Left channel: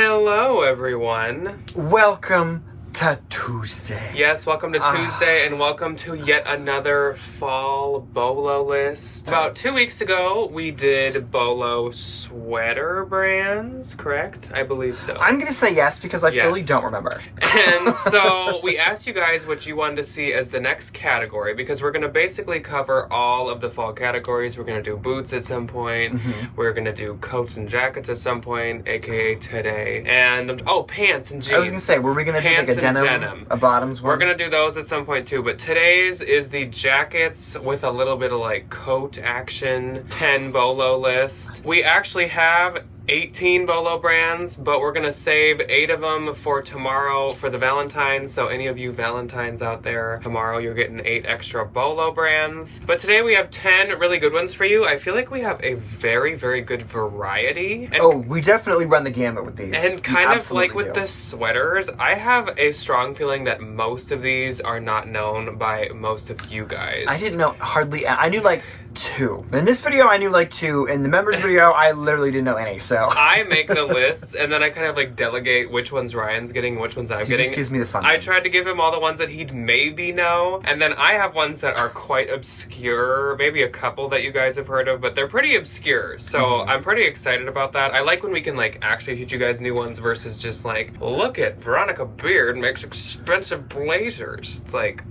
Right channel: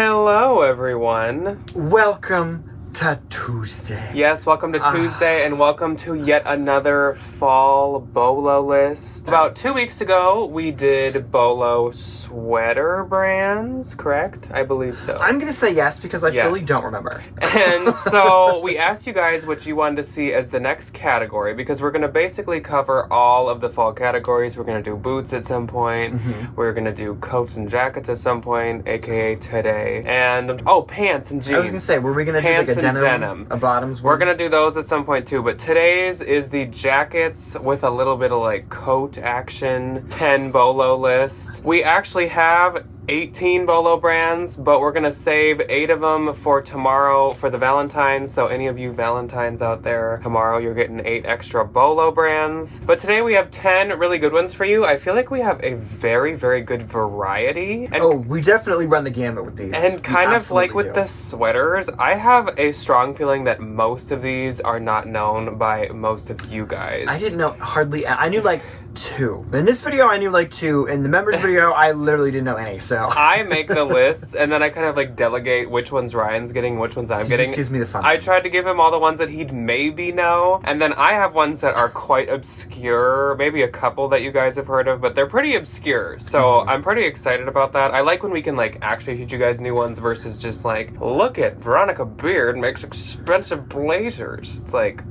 Hello, everyone. Welcome to Tuesday. Yes, welcome to Tuesday, and welcome to yet another fall BOLO list. About 2 weeks ago, we did BOLO sweater brands, correct? I believe so. I'm going to say yes because I really don't remember. And so we asked you guys what you wanted to see as the next category, because we're going to basically cover all of the fall categories. We're going to do boots at some point. Mm-hmm. We're going to do coats and jackets at some point, aka today. And, pants and jeans. I was going to say, were we going to do like a denim, a bottoms one? We're going to do those at some point too, but today's is the jackets with a little bit of like coat action, 10 BOLO list. We actually have 18 BOLO brands, but we're gonna save 8 of them for tomorrow for the Valentines. So any of you Valentines out there, tomorrow you're getting 8 extra BOLO brands. But today we have 10 really good ones for you. I feel like we have a very, very good variety. And we definitely run the gamut with these. And kind of like with the sweaters, I have a strong feeling that most of these are not known by most of you guys. I didn't know I knew like 2. In this video, I knew like 2. In the members video, I literally didn't know any, so. I make the lists, and then I kind of like delegate which ones Ryan's getting, which ones I'm getting. He just gives me the fun. I tried to give him all the ones that he'd maybe know, and then I have ones that are quite obscure, maybe a couple that you guys have heard of, but they're pretty obscure, so I'm pretty excited about that. I like when we can like actually teach you guys new ones versus just like, look at Veronica Beard makes expensive blazers. It's like,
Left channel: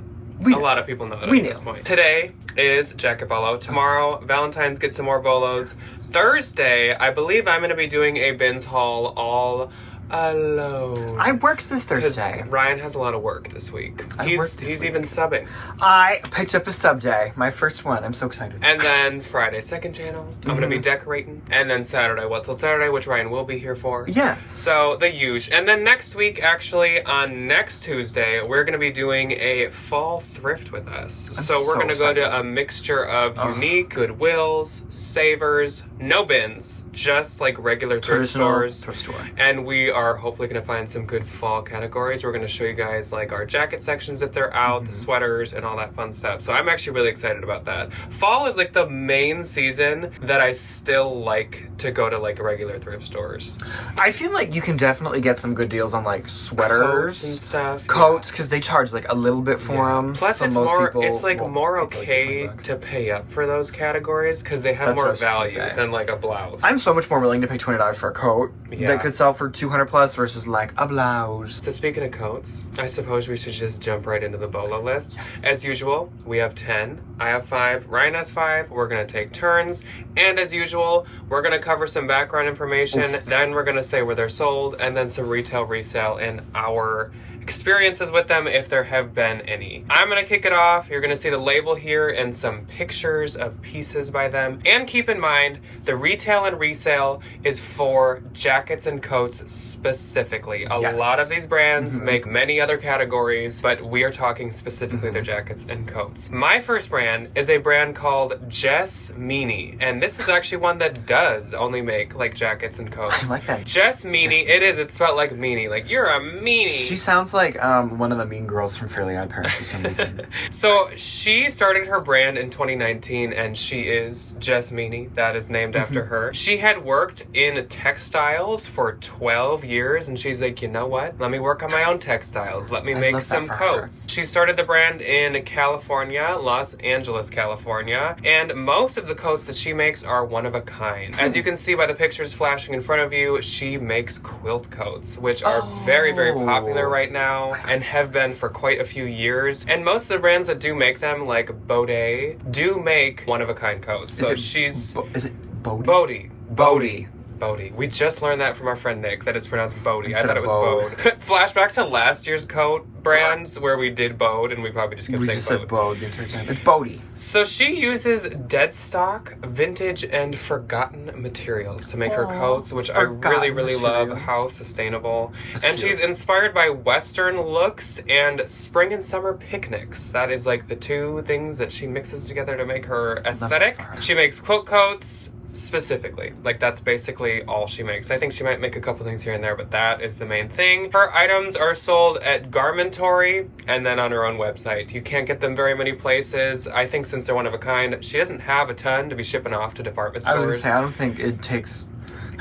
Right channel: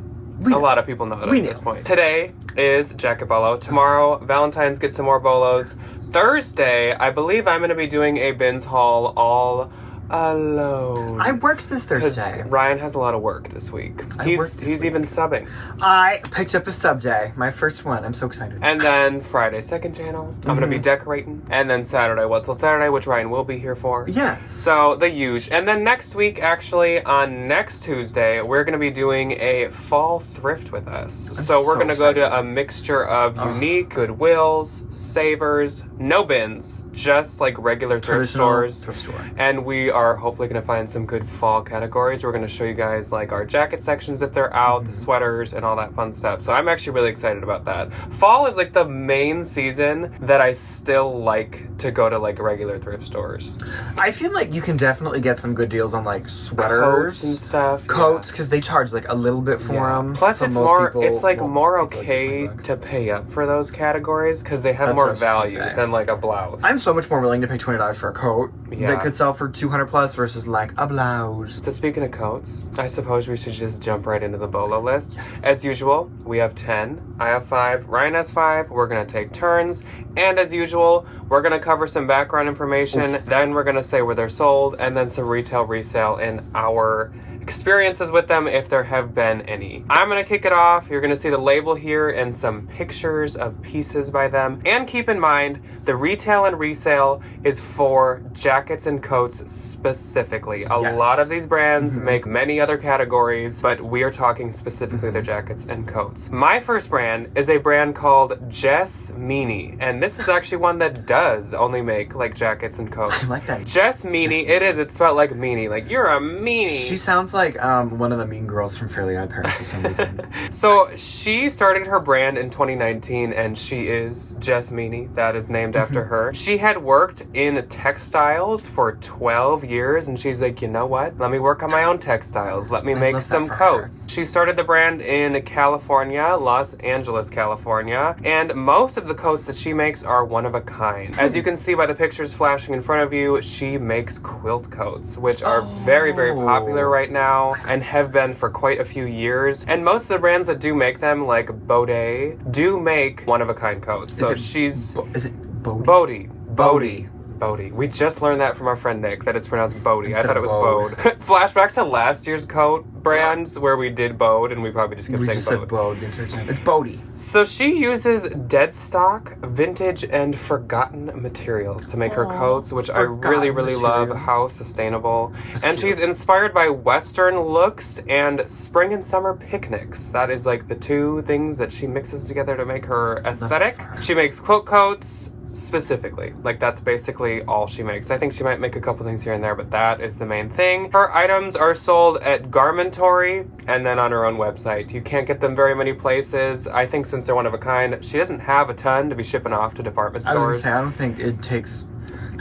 a lot of people know that at this point. Today is jacket BOLO. Tomorrow, Valentine's get some more BOLOs. Thursday, I believe I'm going to be doing a bins haul all alone. I worked this Thursday. Ryan has a lot of work this week. He's even subbing. I picked up a sub day, my first one. I'm so excited. And then Friday, second channel. I'm going to be decorating. And then Saturday, What's Old Saturday, which Ryan will be here for. Yes. So the huge. And then next week, actually, on next Tuesday, we're going to be doing a fall thrift with us. So we're going to go to a mixture of unique, Goodwills, Savers, no bins, just like regular thrift stores. Thrift store. And we are hopefully going to find some good fall categories. We're going to show you guys like our jacket sections if they're out, the sweaters, and all that fun stuff. So I'm actually really excited about that. Fall is like the main season that I still like to go to like regular thrift stores. I feel like you can definitely get some good deals on like sweaters coats and stuff. Coats, because they charge like a little bit for them. Plus, it's like more okay to pay up for those categories because they have more value than like a blouse. I'm so much more willing to pay $20 for a coat that could sell for $200 plus versus like a blouse. So speaking of coats, I suppose we should just jump right into the BOLO list. Yes. As usual, we have 10. I have 5. Ryan has 5. We're gonna take turns. And as usual, we're gonna cover some background information. Then we're gonna say where they're sold, and then some retail, resale, and our experiences with them if there have been any. I'm gonna kick it off. You're gonna see the label here and some pictures of pieces by them. And keep in mind, the retail and resale is for jackets and coats specifically. A lot of these brands make many other categories, but we are talking specifically their jackets and coats. My first brand is a brand called Jess Meanie, and this is actually one that does only make like jackets and coats. I like that. Jess Meanie, it's spelled like meanie, like you're a meanie. She sounds like one of the mean girls from Fairly Odd Parents for some reason. So she started her brand in 2019, and she is Jess Meanie. That is named after her. She had worked in textiles for 12 years, and she's like, you know what? Let me work on my own textiles. Let me make some coats. She started the brand in California, Los Angeles, California, and most of the coats that she makes are one of a kind. As you can see by the pictures flashing in front of you, she makes quilt coats, which are very, very popular right now and have been for quite a few years. And most of the brands that do make them, like Bode, do make one-of-a-kind coats. So is it Bode? Bode. We just learned that from our friend Nick, that it's pronounced Bode. I thought it was Bode. Flashback to last year's coat brands where we did Bode and we probably just kept saying said Bode the entire time. It's Bode. So she uses dead stock, vintage, and forgotten materials to make her coats, which I really, really love how sustainable. And she's inspired by Western looks and spring and summer picnics. That is like the two things that she mixes together to make her aesthetic. She makes quilt coats, specifically. Like, that's basically all she makes. I think she might make a couple things here and there, but that is the main thing. Her items are sold at Garmentory and then on her own website. You can't get them very many places. I think since they're one of a kind, she doesn't have a ton to be shipping off to department stores. I was gonna say, I don't think it takes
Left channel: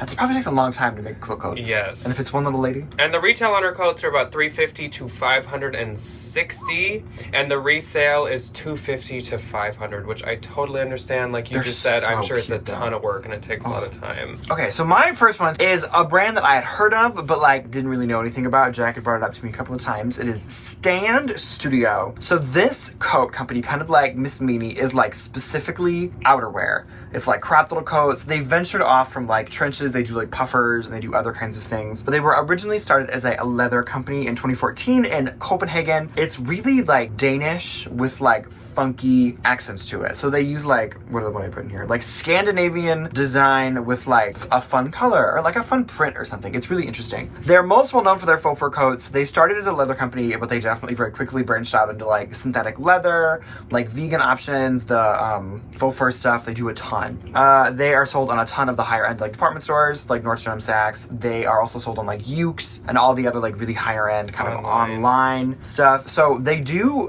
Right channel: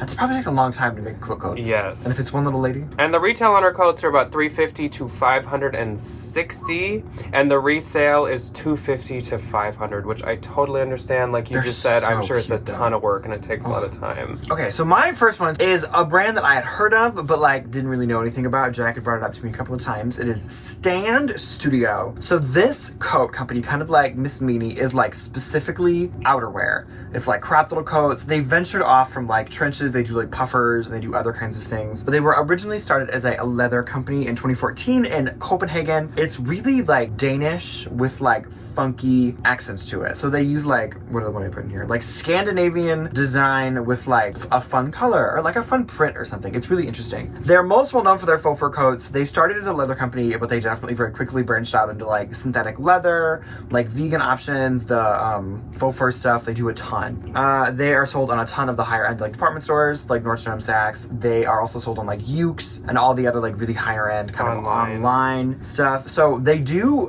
It probably takes a long time to make quilt coats. Yes. And if it's one little lady? And the retail on her coats are about $350 to $560, and the resale is $250 to $500, which I totally understand. Like you They're just said, I'm so sure it's a cute, though. ton of work and it takes a lot of time. Okay, so my first one is a brand that I had heard of, but like didn't really know anything about. Jack had brought it up to me a couple of times. It is Stand Studio. So this coat company, kind of like Miss Meanie, is like specifically outerwear. It's like crop little coats. They ventured off from like trenches. They do like puffers and they do other kinds of things. But they were originally started as a leather company in 2014 in Copenhagen. It's really like Danish with like funky accents to it. So they use like, what are the one I put in here? Like Scandinavian design with like a fun color or like a fun print or something. It's really interesting. They're most well known for their faux fur coats. They started as a leather company, but they definitely very quickly branched out into like synthetic leather, like vegan options, the faux fur stuff. They do a ton. They are sold on a ton of the higher end like department stores, like Nordstrom, Saks. They are also sold on like Ukes and all the other like really higher end kind of online stuff. So they do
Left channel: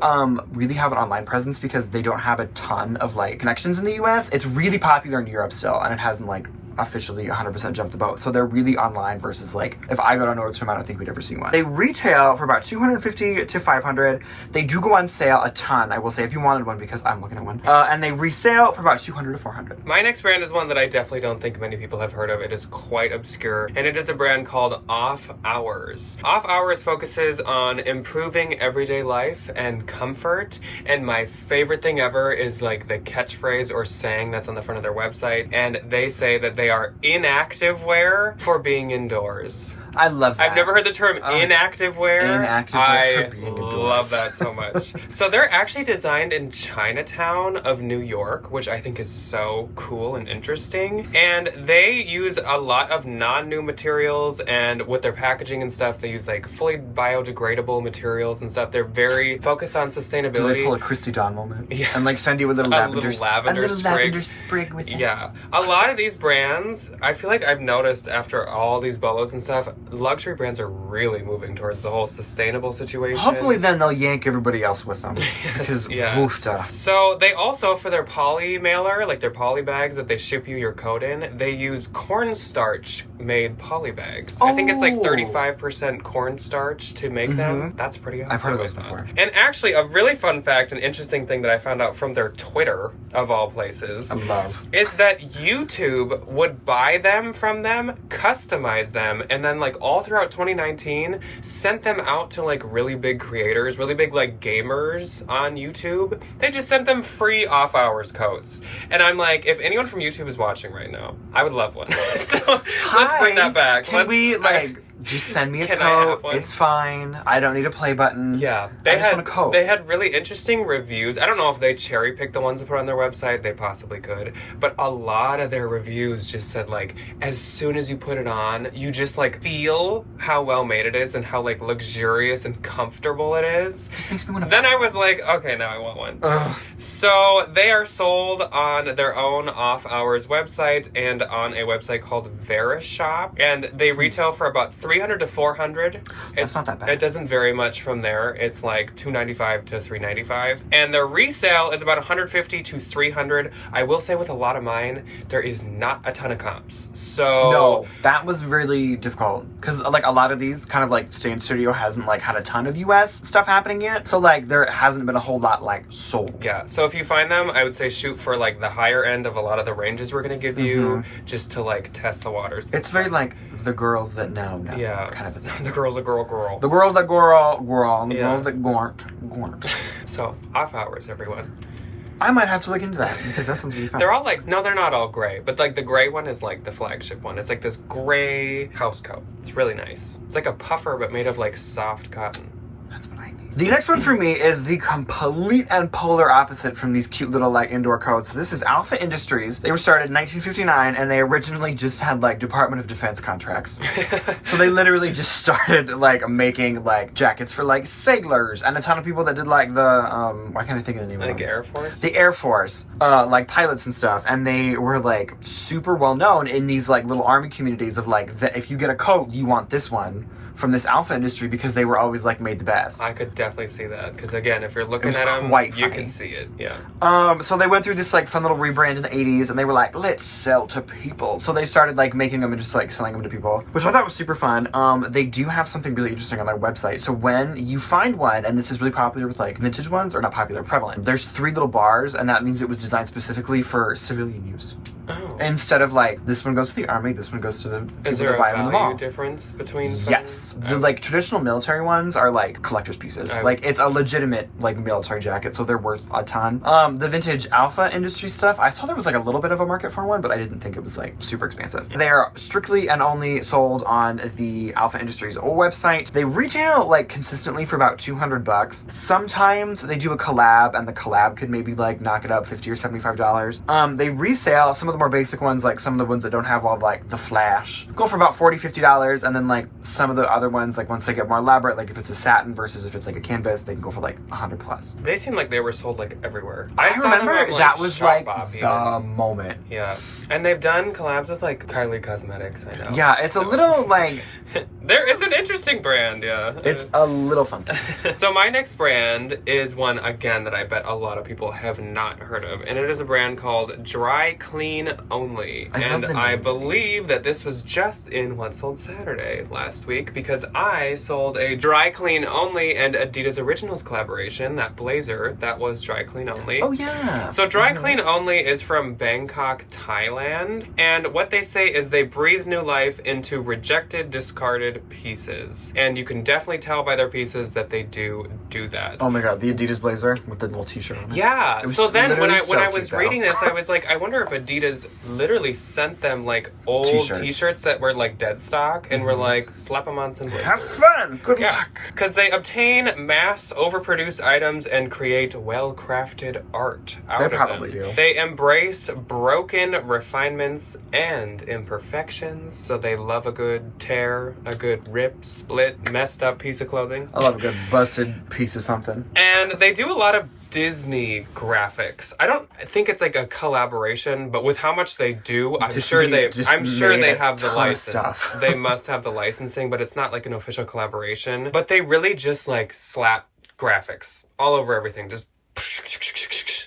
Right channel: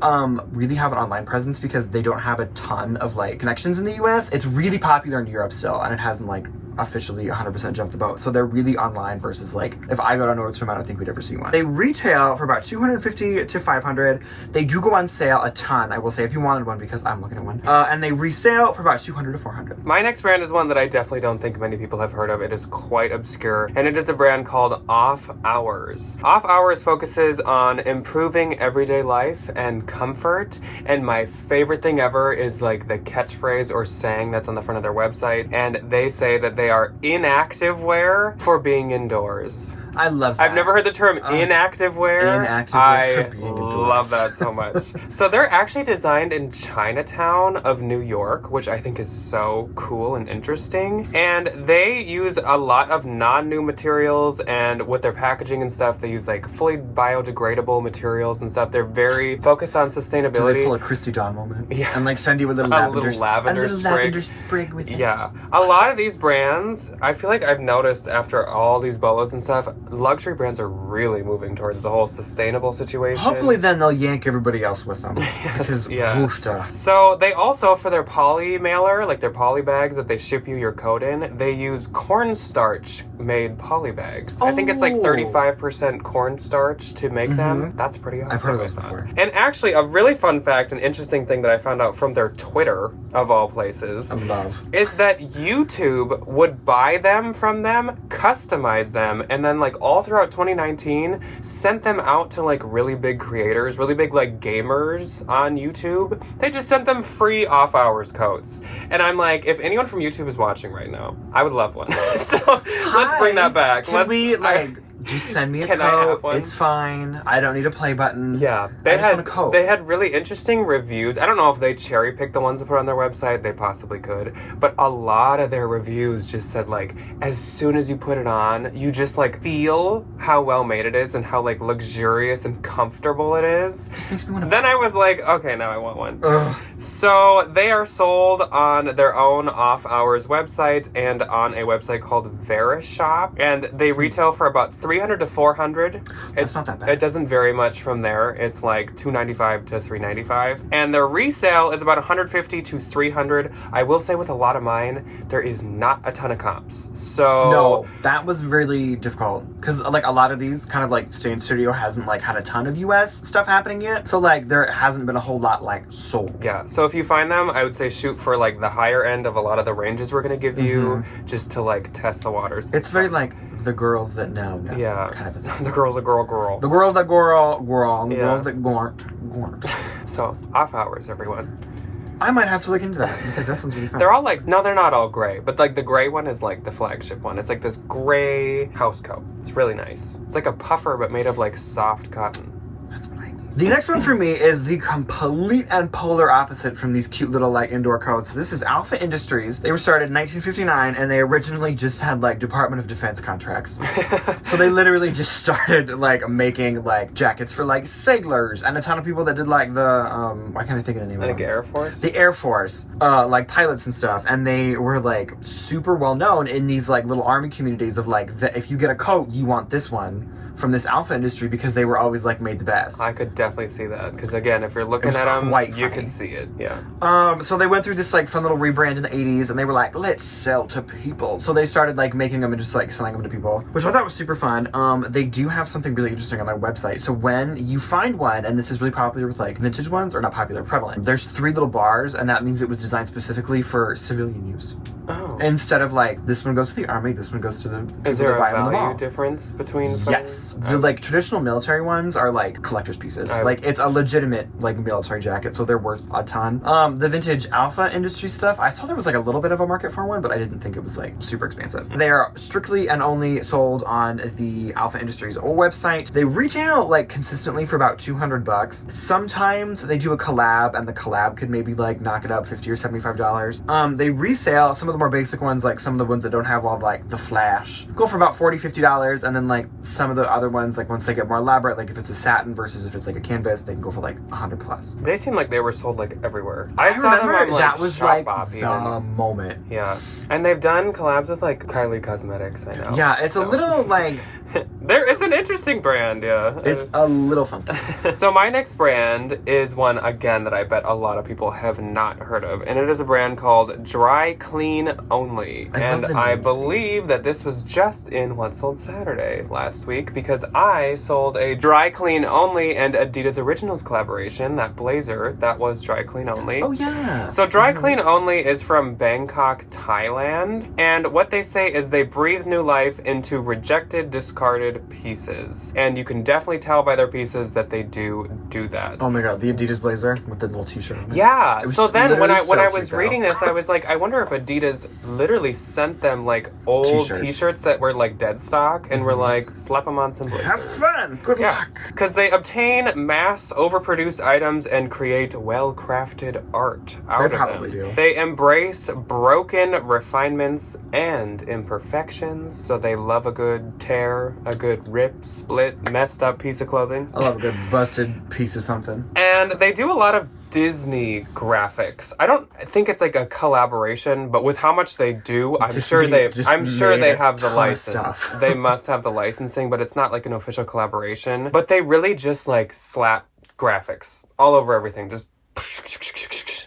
really have an online presence because they don't have a ton of like connections in the US. It's really popular in Europe still, and it hasn't like officially 100% jumped the boat. So they're really online versus like if I go to Nordstrom, I don't think we'd ever see one. They retail for about $250 to $500. They do go on sale a ton, I will say, if you wanted one, because I'm looking at one. And they resale for about $200 to $400. My next brand is one that I definitely don't think many people have heard of. It is quite obscure, and it is a brand called Offhours. Offhours focuses on improving everyday life and comfort, and my favorite thing ever is like the catchphrase or saying that's on the front of their website, and they say that they are inactive wear for being indoors. I love that. I've never heard the term inactive wear. Inactive wear for being I indoors. love that so much. So they're actually designed in Chinatown of New York, which I think is so cool and interesting. And they use a lot of non-new materials, and with their packaging and stuff, they use like fully biodegradable materials and stuff. They're very focused on sustainability. Do they pull a Christy Dawn moment? Yeah. And like send you a little lavender sprig. lavender sprig with it. Yeah. A lot of these brands, I feel like I've noticed after all these bolos and stuff, luxury brands are really moving towards the whole sustainable situation. Hopefully then they'll yank everybody else with them. Because woofta. So they also, for their poly mailer, like their poly bags that they ship you your coat in, they use cornstarch made poly bags. I think it's like 35% cornstarch to make them. That's pretty awesome. I've heard of those before. And actually, a really fun fact and interesting thing that I found out from their Twitter, of all places, is that YouTube would buy them from them, customize them, and then like all throughout 2019 sent them out to like really big creators, really big like gamers on YouTube. They just sent them free Offhours coats. And I'm like, if anyone from YouTube is watching right now, I would love one. So let's bring that back. Just send me a Can I have coat. one? It's fine. I don't need a play button. Yeah, I just want a coat. They had really interesting reviews. I don't know if they cherry picked the ones to put on their website. They possibly could, but a lot of their reviews just said like, as soon as you put it on, you just like feel how well made it is and how like luxurious and comfortable it is. This makes me want to. Then I was like, okay, now I want one. Ugh. So they are sold on their own Offhours website and on a website called Verishop, and they retail for about $300 to $400. That's not that bad. It doesn't vary much from there. It's like $295 to $395, and their resale is about $150 to $300. I will say with a lot of mine, there is not a ton of comps. So no, that was really difficult because like a lot of these kind of like Stand Studio hasn't like had a ton of US stuff happening yet. So like there hasn't been a whole lot like sold. Yeah. So if you find them, I would say shoot for like the higher end of a lot of the ranges we're gonna give you, just to like test the waters. It's very like the girls that know. Yeah. Kind of a thing. The girl's a girl. The girls that girl. The Yeah. girls that gornt. So Offhours, everyone. I might have to look into that because that sounds really fun. They're all like, no, they're not all gray, but like the gray one is like the flagship one. It's like this gray house coat. It's really nice. It's like a puffer, but made of like soft cotton. That's what I need. The next one for me is the complete and polar opposite from these cute little like indoor coats. This is Alpha Industries. They were started in 1959 and they originally just had like Department of Defense contracts. So they literally just started like making like jackets for like sailors and a ton of people that did like the why can't I think of the name of Like them? Air Force? The Air Force, like pilots and stuff, and they were like super well known in these like little army communities of like if you get a coat, you want this one from this alpha industry because they were always like made the best. I could definitely see that because again, if you're looking at them, you can see it. Yeah. So they went through this like fun little rebrand in the 80s, and they were like, let's sell to people. So they started like making them and just like selling them to people, which I thought was super fun. They do have something really interesting on their website. So when you find one, and this is really popular with like vintage ones, or not popular, prevalent. There's 3 little bars, and that means it was designed specifically for civilian use. Oh. Instead of like this one goes to the army, this one goes to the people Is there that buy a them in the mall. value difference between them? Yes. The like traditional military ones are like collector's pieces. Like it's a legitimate like military jacket, so they're worth a ton. The vintage alpha industry stuff, I saw there was like a little bit of a market for one, but I didn't think it was like super expensive. They are strictly and only sold on the Alpha Industries old website. They retail like consistently for about $200. Sometimes they do a collab, and the collab could maybe like knock it up $50 or $75. They resale some of the more basic ones, like some of the ones that don't have all like the flash, go for about $40-$50, and then like some of the other ones, like once they get more elaborate, like if it's a satin versus if it's like a canvas, they can go for like $100+. They seem like they were sold like everywhere. I saw them remember on, like, that was like Shopbop the even. moment. Yeah, and they've done collabs with like Kylie Cosmetics. I know. Yeah, it's a little like it's an interesting brand. Yeah, it's a little funky. So my next brand is one again that I bet a lot of people have not heard of, and it is a brand called Dry Clean Only. And I believe that this was just in What Sold Saturday last week, because I sold a Dry Clean Only and Adidas Originals collaboration, that blazer that was Dry Clean Only. Oh yeah. So Dry Clean Only is from Bangkok, Thailand, and what they say is they breathe new life into rejected, discarded pieces. And you can definitely tell by their pieces that they do that. Oh my god, the Adidas blazer with the little t-shirt on it. Yeah. So then when I so was cute, reading this, I was like, I wonder if Adidas literally sent them like old t-shirts that were like dead stock and were like, slap them on some blazers. Have fun. Good luck. Because they obtain mass overproduced items and create well-crafted art out of them. They probably do. They embrace broken refinements and imperfections, so they love a good tear, a good rip, split, messed up piece of clothing. I love a good busted piece of something. And they do a lot of Disney graphics. I don't think it's like a collaboration, but with how much they do, I'm sure they have the license. They must have the licensing, but it's not like an official collaboration. But they really just like slap graphics all over everything. Just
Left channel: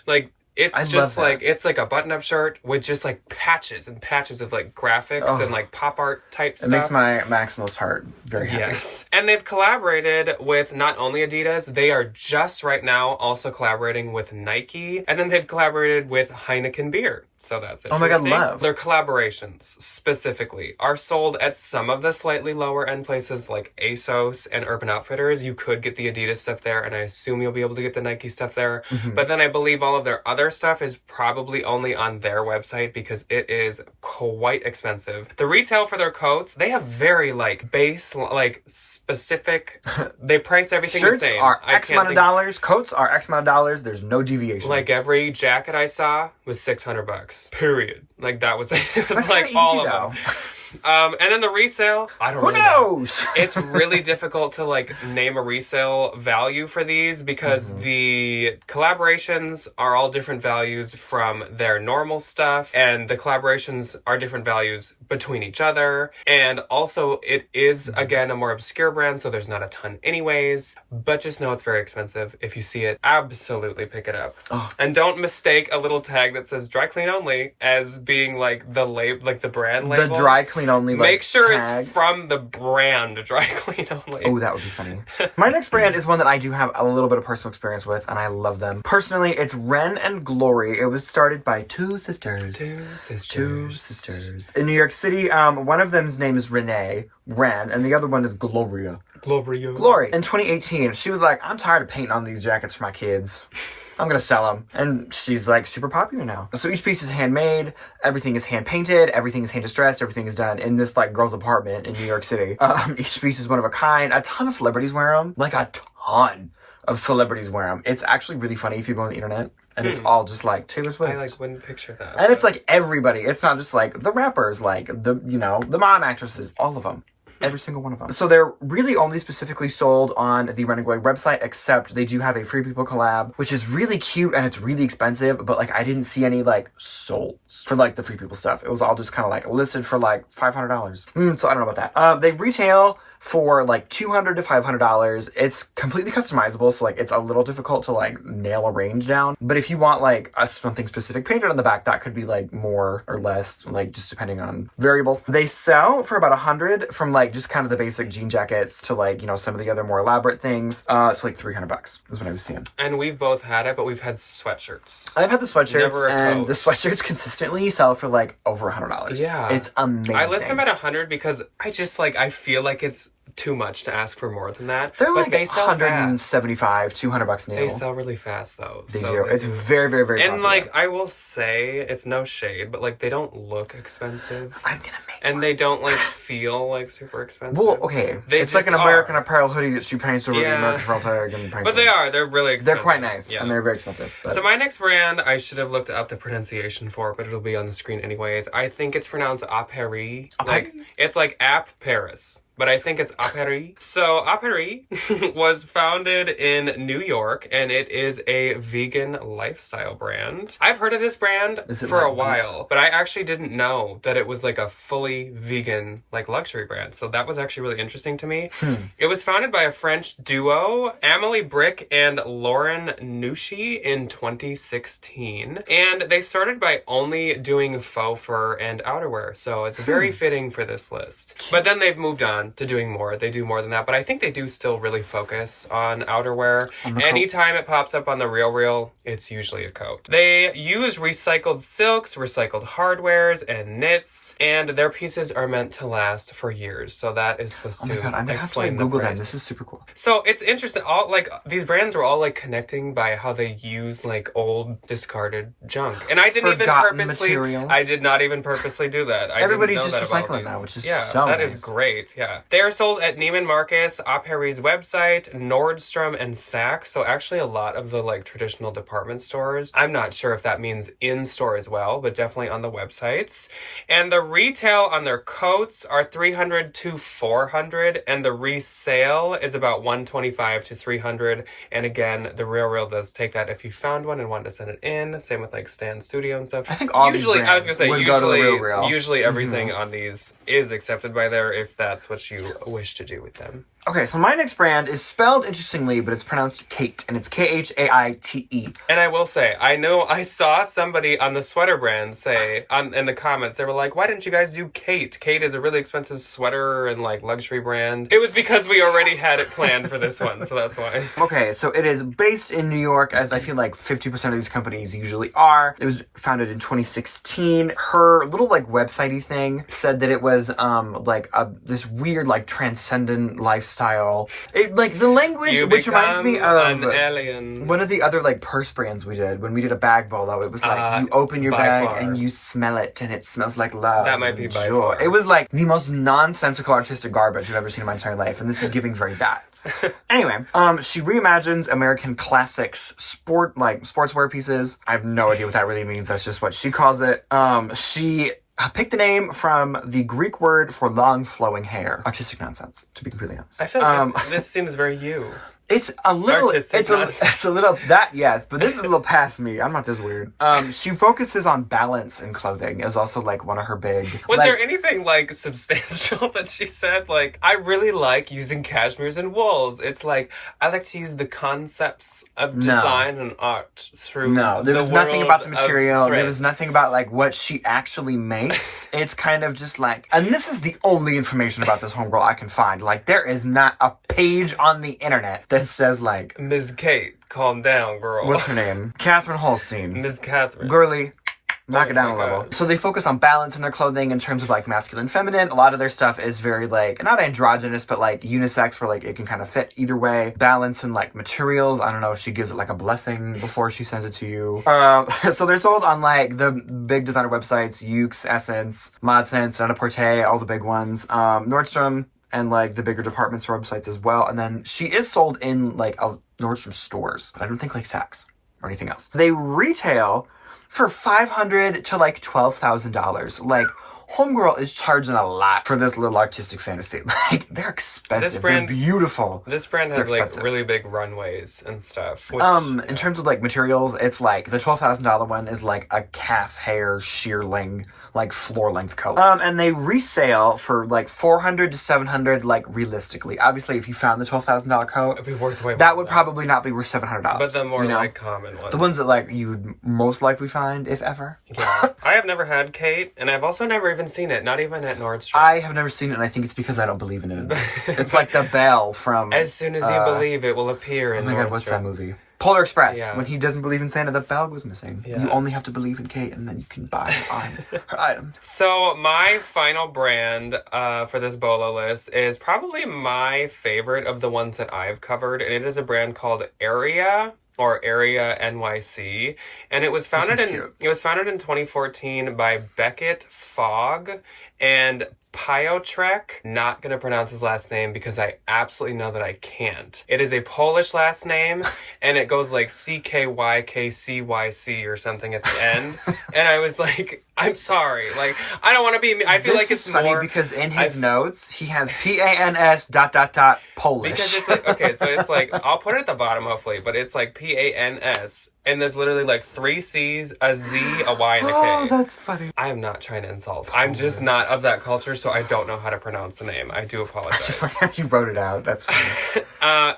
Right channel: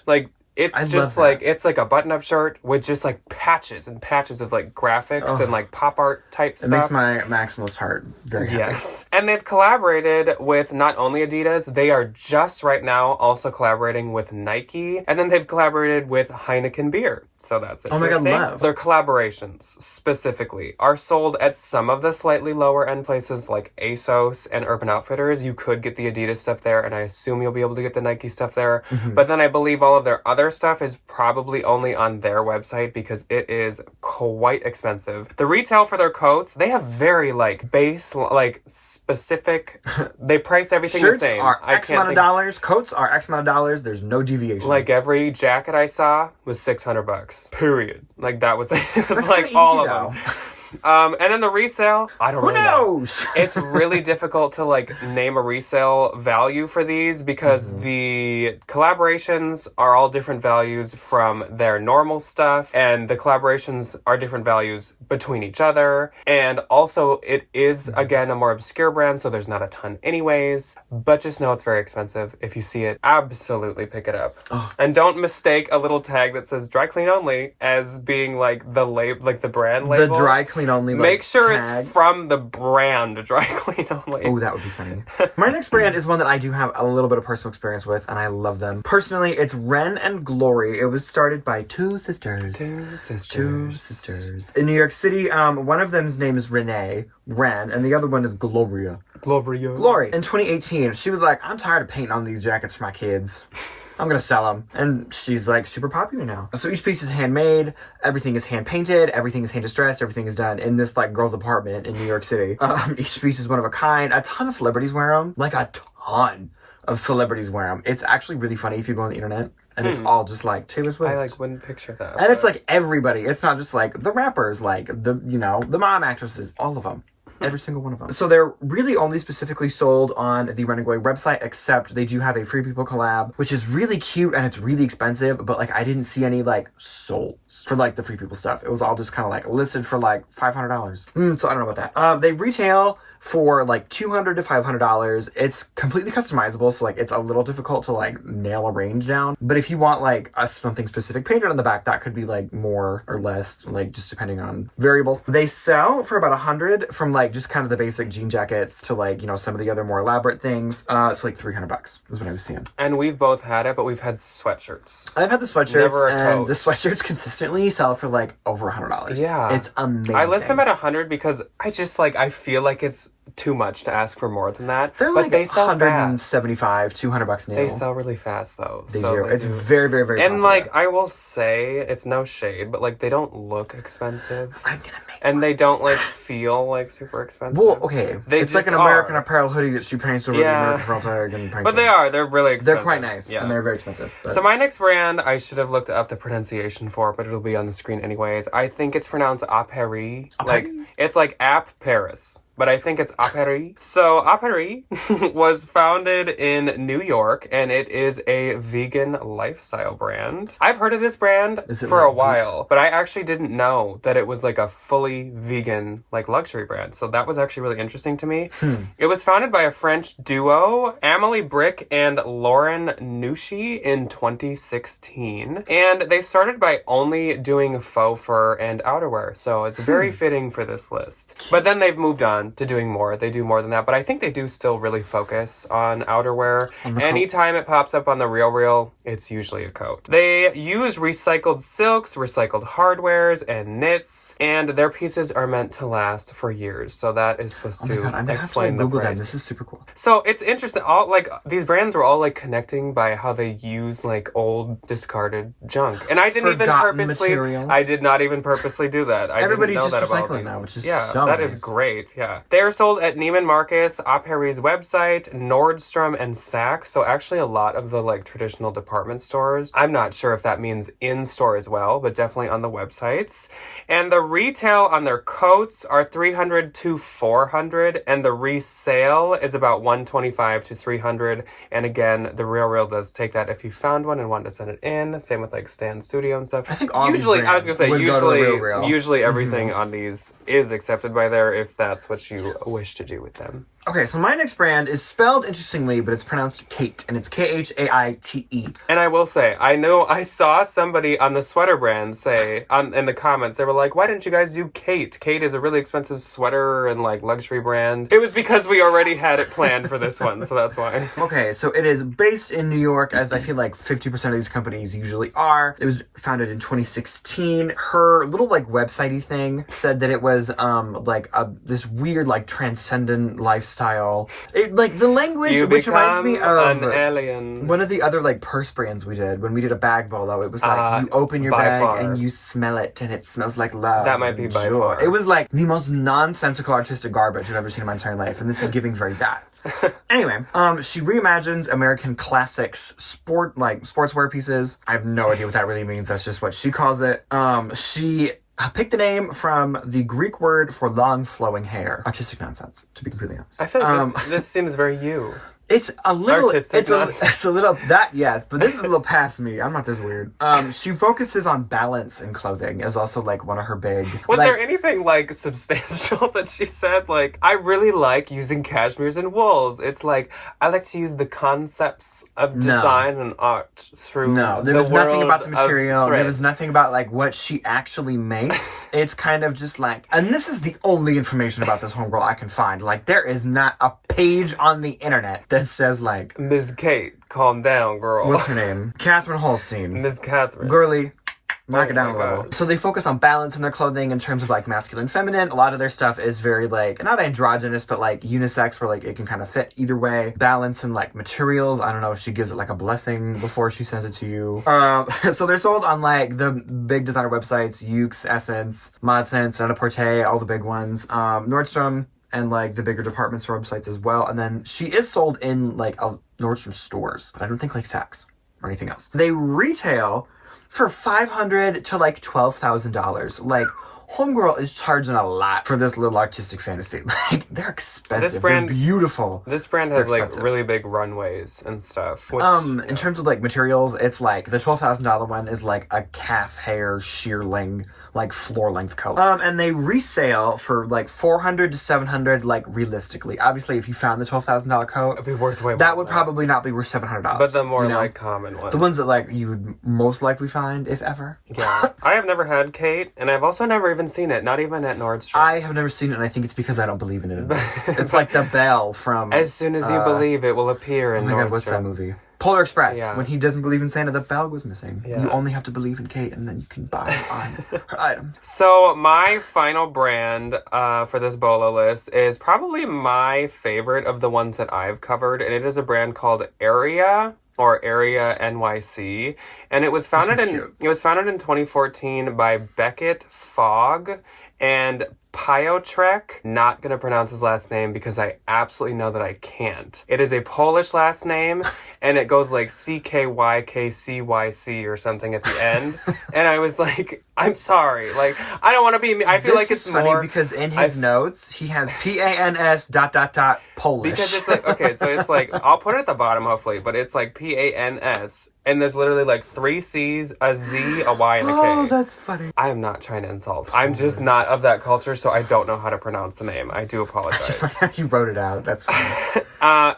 like it's just like it's like a button-up shirt with just like patches and patches of like graphics and like pop art type stuff. It makes my maximalist heart very happy. Yes. And they've collaborated with not only Adidas, they are just right now also collaborating with Nike, and then they've collaborated with Heineken beer. So that's interesting. Oh my god, love. Their collaborations specifically are sold at some of the slightly lower end places like ASOS and Urban Outfitters. You could get the Adidas stuff there, and I assume you'll be able to get the Nike stuff there. Mm-hmm. But then I believe all of their other stuff is probably only on their website because it is quite expensive. The retail for their coats, they have very like base, like specific, they price everything Shirts the same. Are X amount of dollars, coats are X amount of dollars, there's no deviation. Like every jacket I saw was $600. Period. Like that was, it was like all of them. And then the resale, I don't really know. Who knows? It's really difficult to like name a resale value for these because the collaborations are all different values from their normal stuff, and the collaborations are different values between each other. And also it is again a more obscure brand, so there's not a ton anyways, but just know it's very expensive. If you see it, absolutely pick it up. And don't mistake a little tag that says Dry Clean Only as being like the like the brand label. The Dry Clean Only, like, make sure tag. It's from the brand Dry Clean Only. Oh, that would be funny. My next brand is one that I do have a little bit of personal experience with, and I love them. Personally, it's Wren and Glory. It was started by two sisters. In New York City. One of them's name is Renee, Wren, and the other one is Glory. In 2018, she was like, I'm tired of painting on these jackets for my kids. I'm gonna sell them. And she's like super popular now. So each piece is handmade, everything is hand painted, everything is hand distressed, everything is done in this like girl's apartment in New York City. Each piece is one of a kind. A ton of celebrities wear them. Like a ton of celebrities wear them. It's actually really funny if you go on the internet. And it's all just like Taylor Swift. I like wouldn't picture that. And it's like everybody. It's not just like the rappers, like the mom actresses, all of them. Every single one of them. So they're really only specifically sold on the Wren and Glory website, except they do have a Free People collab, which is really cute and it's really expensive, but like I didn't see any like sold for like the Free People stuff. It was all just kind of like listed for like $500. So I don't know about that. They retail for like $200 to $500. It's completely customizable, so like it's a little difficult to like nail a range down. But if you want like something specific painted on the back, that could be like more or less, like just depending on variables. They sell for about $100 from like just kind of the basic jean jackets to like, you know, some of the other more elaborate things. It's like $300 is what I was seeing. And we've both had it, but we've had sweatshirts. I've had the sweatshirts, Never a and coat. the sweatshirts consistently sell for like over $100. Yeah. It's amazing. I list them at 100 because I just like, I feel like it's too much to ask for more than that. They're but like they sell $175, $200 new. They sell really fast though. They so do. It's very, very, very And popular. like, I will say, it's no shade, but like, they don't look expensive. I'm gonna make And they don't like feel like super expensive. Well, okay. They it's like just an American are. Apparel hoodie that she paints over the American Apparel tag and paints But they it. are. They're really expensive. They're quite nice, Yeah. and they're very expensive. But... So my next brand, I should have looked up the pronunciation for, but it'll be on the screen anyways. I think it's pronounced Apparis. Like, it's like App Paris, but I think it's Apparis. So Apparis was founded in New York, and it is a vegan lifestyle brand. I've heard of this brand for a while, but I actually didn't know that it was like a fully vegan like luxury brand. So that was actually really interesting to me. It was founded by a French duo, Amélie Brick and Lauren Nushi, in 2016. And they started by only doing faux fur and outerwear. So it's very fitting for this list. But then they've moved on to doing more. They do more than that, but I think they do still really focus on outerwear. Anytime it pops up on the RealReal, it's usually a coat. They use recycled silks, recycled hardwares, and knits, and their pieces are meant to last for years. So that is supposed to I'm gonna explain have to the Google price. them. This is super cool. So it's interesting. All like these brands were all like connecting by how they use like old discarded junk, and I didn't Forgotten even purposely. materials. I did not even purposely do that. Everybody's I didn't know just that about recycling these. now, which is yeah, so that nice. is great. Yeah, they are sold at Neiman Marcus, Apparis website, Nordstrom, and Saks. So actually, a lot of the like traditional department stores. I'm not sure if that means in store as well, but definitely on the websites. And the retail on their coats are $300 to $400, and the resale is about $125 to $300. And again, the RealReal does take that if you found one and wanted to send it in. Same with like Stan Studio and stuff. I think all usually, these I was gonna say would go to the RealReal. usually everything on these is accepted by there if that's what you wish to do with them. Okay, so my next brand is spelled interestingly, but it's pronounced Khaite, and it's Khaite. And I will say, I saw somebody on the sweater brand say in the comments, they were like, "Why didn't you guys do Khaite? Khaite is a really expensive sweater and like luxury brand." It was because we already had it planned for this one, so that's why. Okay, so it is based in New York, as I feel like 50% of these companies usually are. It was founded in 2016. Her little like website-y thing said that it was like this weird like transcendent lifestyle. It, like the language, You which reminds me of an alien. one of the other like purse brands we did when we did a bag bolo. It was like you open your by bag far. and you smell it and it smells like love. That might be and by joy. far. It was like the most nonsensical artistic garbage I've ever seen in my entire life, and this is giving very that. Anyway, she reimagines American classics, sportswear pieces. I have no idea what that really means. That's just what she calls it. She picked the name from the Greek word for long flowing hair. Artistic nonsense, to be completely honest. I feel like this seems very you. It's a little, Artistic nonsense. it's a little, that yes, but this is a little past me. I'm not this weird. She focuses on balance in clothing is also like one of her big. Was like, there anything like substantial that she said? Like, I really like using cashmeres and wools. It's like, I like to use the concepts of design and art through there was nothing about the world of material. There thread. was nothing about like what she actually makes. It's kind of just like, and this is the only information about this homegirl I can find. Like, there is not a page on the internet that says like, Ms. Kate, calm down, girl. what's her name? Catherine Holstein. Ms. Catherine. Girly. Knock it down a my level. God. So they focus on balance in their clothing in terms of like masculine, feminine. A lot of their stuff is very like, not androgynous, but like unisex, where like it can kind of fit either way. Balance in like materials. I don't know if she gives it like a blessing before she sends it to you. So they're sold on like the big designer websites, Ukes, Essence, ModSense, Net-a-Porter, all the big ones. Nordstrom, and like the bigger department store websites as well. And then she is sold in like a Nordstrom stores, but I don't think like Saks or anything else. They retail for $500 to like $12,000. Like, homegirl is charging a lot for this little artistic fantasy. Like, they're expensive. This brand- they're beautiful. This brand has They're like expensive. really big runways and stuff. Which, In terms of like materials, it's like the $12,000 one is like a calf hair shearling like floor-length coat. And they resale for like $400 to $700, like realistically. Obviously, if you found the $12,000 coat, It'd be worth way more. that would probably not be worth $700. But the more you know? like common ones. The ones that like you would most likely find, if ever. Yeah. I have never had Khaite, and I've also never even seen it, not even at Nordstrom. I have never seen it, and I think it's because I don't believe in it. It's like the bell from... As soon as you believe, it will appear in Oh my Nordstrom. God, what's that movie? Polar Express. Yeah. When he doesn't believe in Santa, the bell goes missing. Yeah. You only have to believe in Kate, and then you can buy her items. So my final brand for this BOLO list is probably my favorite of the ones that I've covered, and it is a brand called Area, or Area NYC, and it was founded in 2014 by Beckett Fogg and Piotrek. Not gonna pronounce his last name because I absolutely know that I can't. It is a Polish last name, and it goes like CKYKCYC or something at the end. And I was like, I'm sorry, like I don't want to be. I feel like it's funny more because in his notes he has PANS ... Polish. Because it's like, okay, so it's like, I'll put it at the bottom hopefully, but it's like PANS, and there's literally like 3 C's, a Z, a Y, and a K. Oh, that's funny. I am not trying to insult. I'm just not of that culture, so I don't know how to pronounce the name. I do apologize. Just like how you wrote it out. That's funny.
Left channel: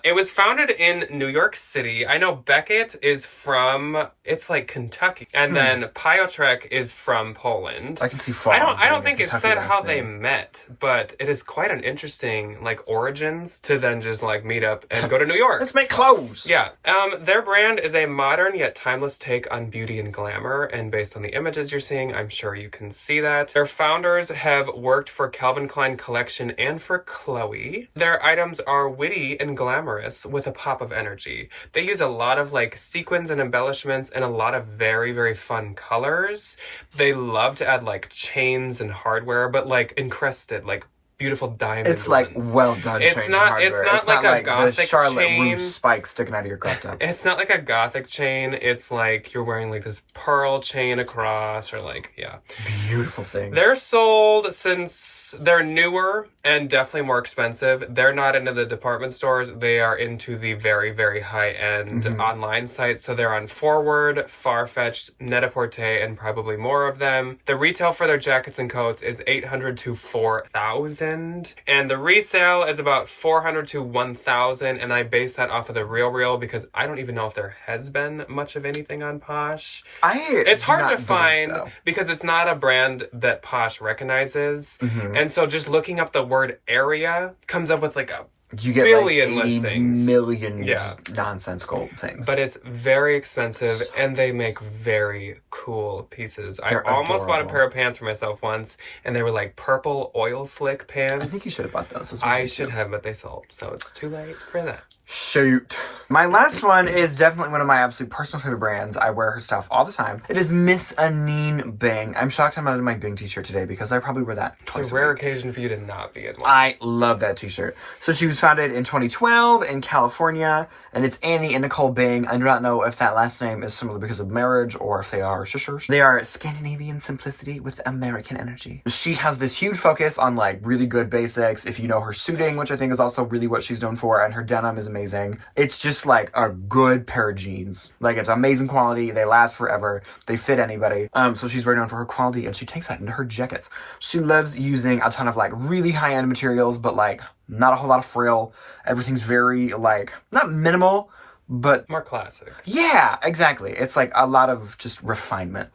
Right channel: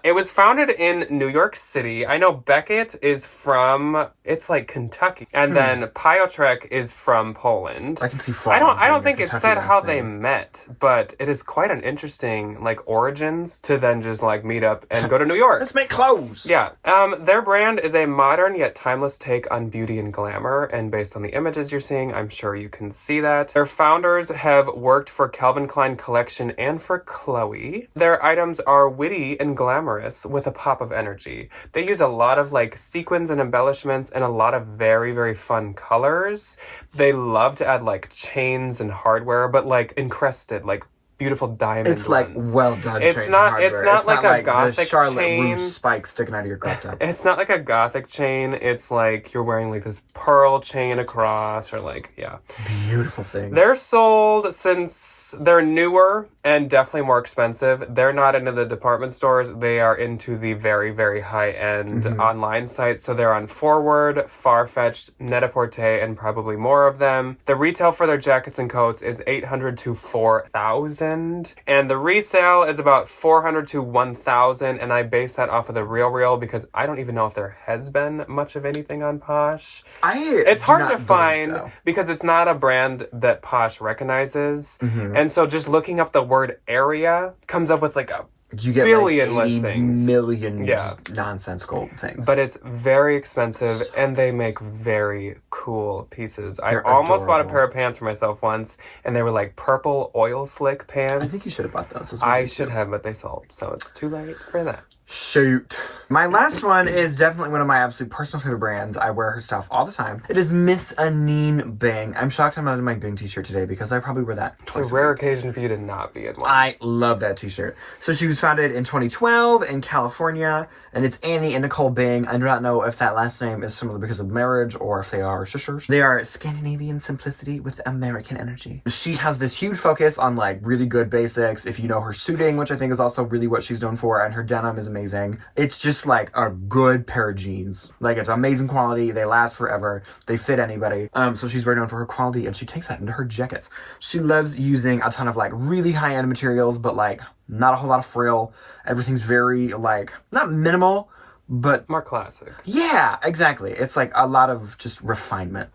It was founded in New York City. I know Beckett is from, it's like Kentucky, and then Piotrek is from Poland. I can see. I don't think it said how they met, but it is quite an interesting like origins to then just like meet up and go to New York. Let's make clothes. Yeah. Their brand is a modern yet timeless take on beauty and glamour, and based on the images you're seeing, I'm sure you can see that. Their founders have worked for Calvin Klein Collection and for Chloe. Their items are witty and glamorous with a pop of energy. They use a lot of like sequins and embellishments and a lot of very, very fun colors. They love to add like chains and hardware, but like encrusted, like beautiful diamond It's like ones. well done. It's not like a gothic the Charlotte chain. Russe spike sticking out of your crop top. It's not like a gothic chain. It's like you're wearing like this pearl chain across, or like, yeah. Beautiful thing. They're sold, since they're newer and definitely more expensive. They're not into the department stores. They are into the very, very high-end online sites. So they're on Forward, Farfetched, Net-a-Porter, and probably more of them. The retail for their jackets and coats is $800 to $4,000. And the resale is about $400 to $1,000, and I base that off of the Real because I don't even know if there has been much of anything on Posh. It's hard to find because it's not a brand that Posh recognizes, and so just looking up the word Area comes up with like a you get billion like 80 listings. million just nonsensical things. But it's very expensive, and they make very cool pieces. They're I almost bought a adorable. pair of pants for myself once, and they were like purple oil slick pants. I think you should have bought those as well. I should have, but they sold, so it's too late for that. Shoot. My last one is definitely one of my absolute personal favorite brands. I wear her stuff all the time. It is Miss Anine Bing. I'm shocked I'm not in my Bing t-shirt today because I probably wear that twice It's a rare occasion for you to not be in one. I love that t-shirt. So she was founded in 2012 in California, and it's Annie and Nicole Bing. I do not know if that last name is similar because of marriage or if they are sisters. They are Scandinavian simplicity with American energy. She has this huge focus on like really good basics. If you know her suiting, which I think is also really what she's known for, and her denim is amazing. It's just like a good pair of jeans. Like it's amazing quality. They last forever. They fit anybody. So she's very known for her quality, and she takes that into her jackets. She loves using a ton of like really high-end materials, but like not a whole lot of frill. Everything's very like not minimal, but more classic. Yeah, exactly. It's like a lot of just refinement.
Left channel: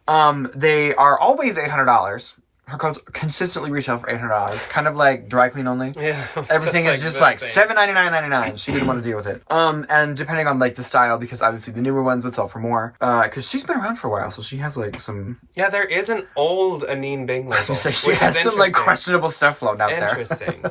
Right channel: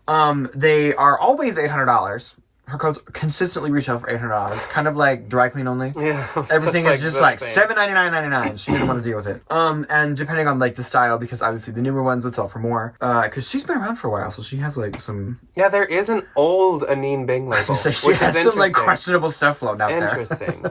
They are always $800. Her coats consistently retail for $800, kind of like dry clean only. Yeah, everything is just like $799.99. She didn't want to deal with it. And depending on like the style, because obviously the newer ones would sell for more. Because she's been around for a while, so she has like some. Yeah, there is an old Anine Bing label. So she has some like questionable stuff floating out there. Interesting.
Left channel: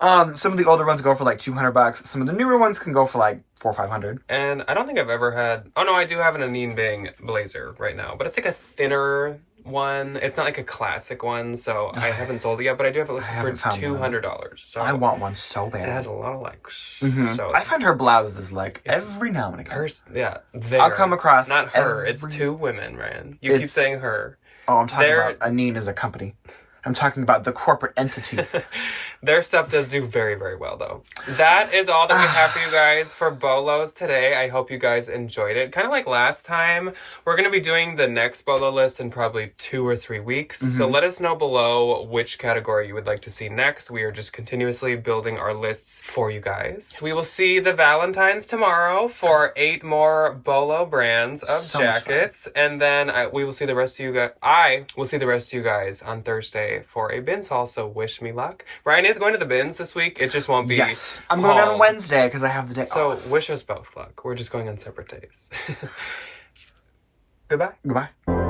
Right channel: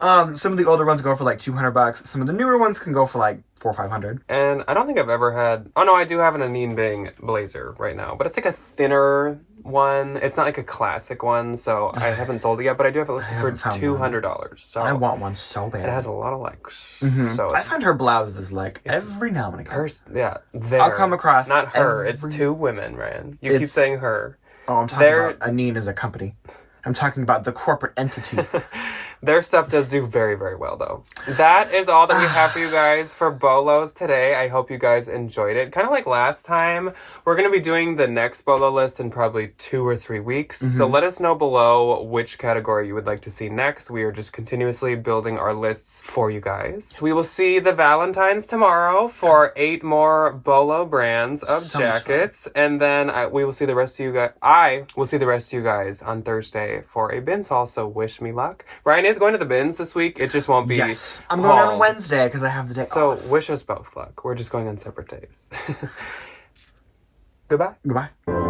Some of the older ones go for like $200. Some of the newer ones can go for like $400 or $500. And I don't think I've ever had. Oh no, I do have an Anine Bing blazer right now, but it's like a thinner one. It's not like a classic one, so I haven't sold it yet, but I do have it listed for $200. So I want one so bad. It has a lot of likes. So I find her blouses like every now and again. I'll come across not her. It's two women, Ryan. You keep saying her. Oh, I'm talking about Anine as a company. I'm talking about the corporate entity. Their stuff does do very, very well, though. That is all that we have for you guys for Bolos today. I hope you guys enjoyed it. Kind of like last time, we're going to be doing the next Bolo list in probably 2 or 3 weeks. So let us know below which category you would like to see next. We are just continuously building our lists for you guys. We will see the Valentines tomorrow for 8 more Bolo brands of jackets. And then we will see the rest of you guys. I will see the rest of you guys on Thursday for a bins haul. So wish me luck. Ryan is going to the bins this week. It just won't be. Yes. I'm going on Wednesday because I have the day off. So wish us both luck. We're just going on separate days. Goodbye. Goodbye.